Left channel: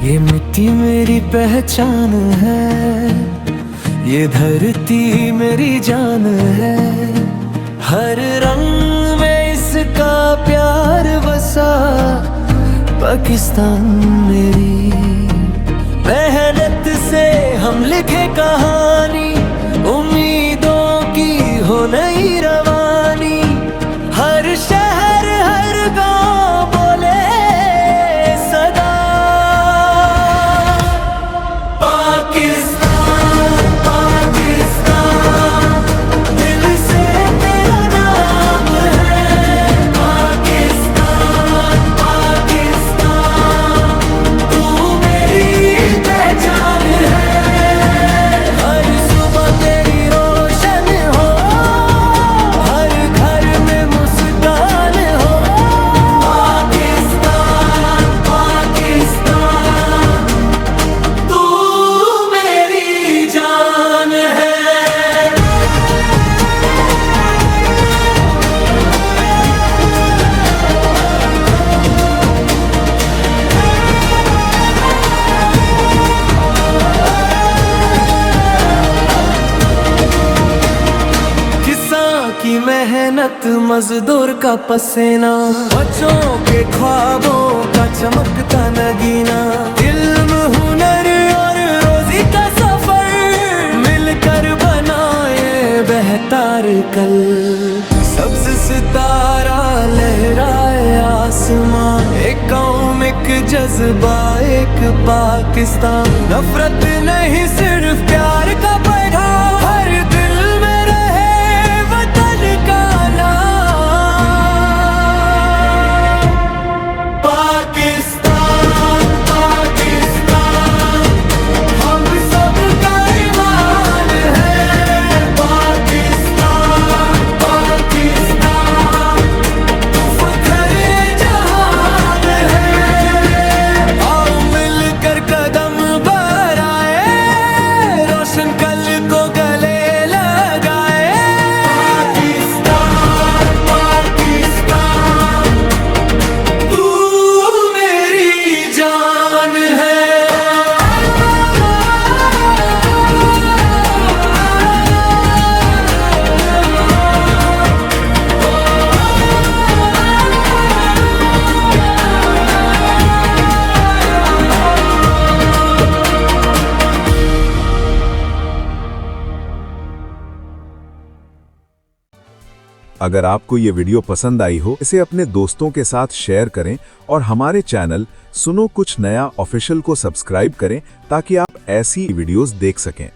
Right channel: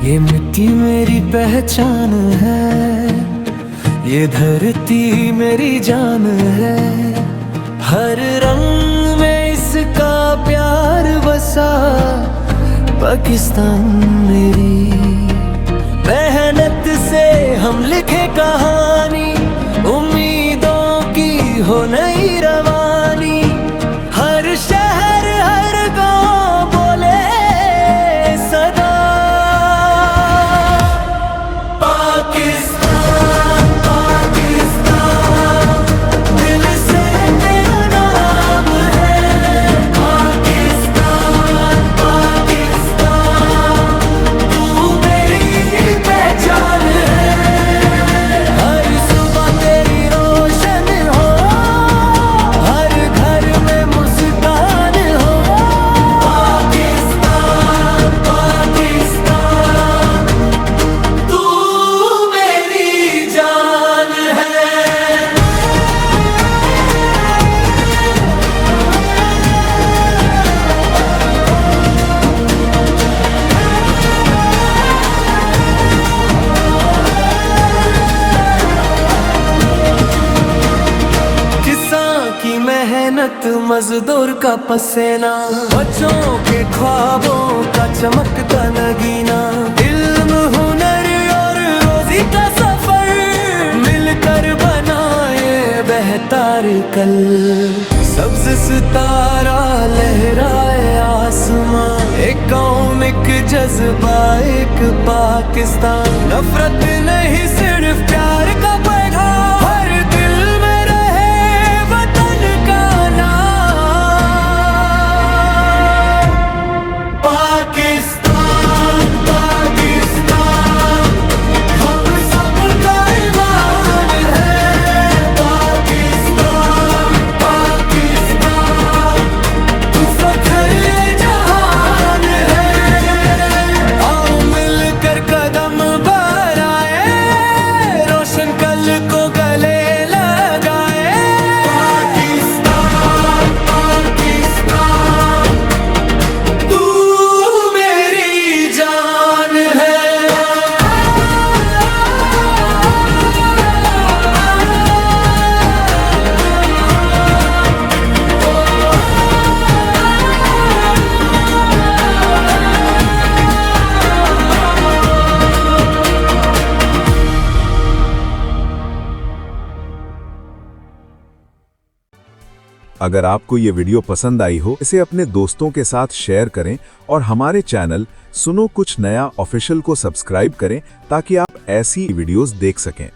ये मिट्टी मेरी पहचान है, ये धरती मेरी जान है। हर रंग में इसका प्यार बसा, पाकिस्तान मेरी। मेहनत से हम लिखे कहानी, उम्मीदों की हो नई रवानी। हर शहर हर गांव बोले सदा पाकिस्तान पाकिस्तान, दिल से तेरा नाम है। पाकिस्तान पाकिस्तान, तू मेरी पहचान है। हर सुबह तेरी रोशन हो, हर घर में मुस्कान हो। पाकिस्तान पाकिस्तान, तू मेरी जान है। किसान की मेहनत, मजदूर का पसीना, बच्चों के ख्वाबों का चमकता नगीना। इल्म हुनर और रोजी का सफर, मिलकर बनाए बेहतर कल। सब्ज सितारा लहराए आसमां, एक कौम एक जज्बा एक पाकिस्तान। नफरत नहीं सिर्फ प्यार का पैगाम, हर दिल में रहे वतन का नाम। पाकिस्तान पाकिस्तान, हम सबका ईमान है। पाकिस्तान पाकिस्तान, तू फख्र जहान है। आओ मिलकर कदम बढ़ाए, रोशन कल को गले लगाए। पाकिस्तान पाकिस्तान, तू मेरी जान है। अगर आपको ये वीडियो पसंद आई हो, इसे अपने दोस्तों के साथ शेयर करें और हमारे चैनल सुनो कुछ नया ऑफिशियल को सब्सक्राइब करें ताकि आप ऐसी वीडियोस देख सकें।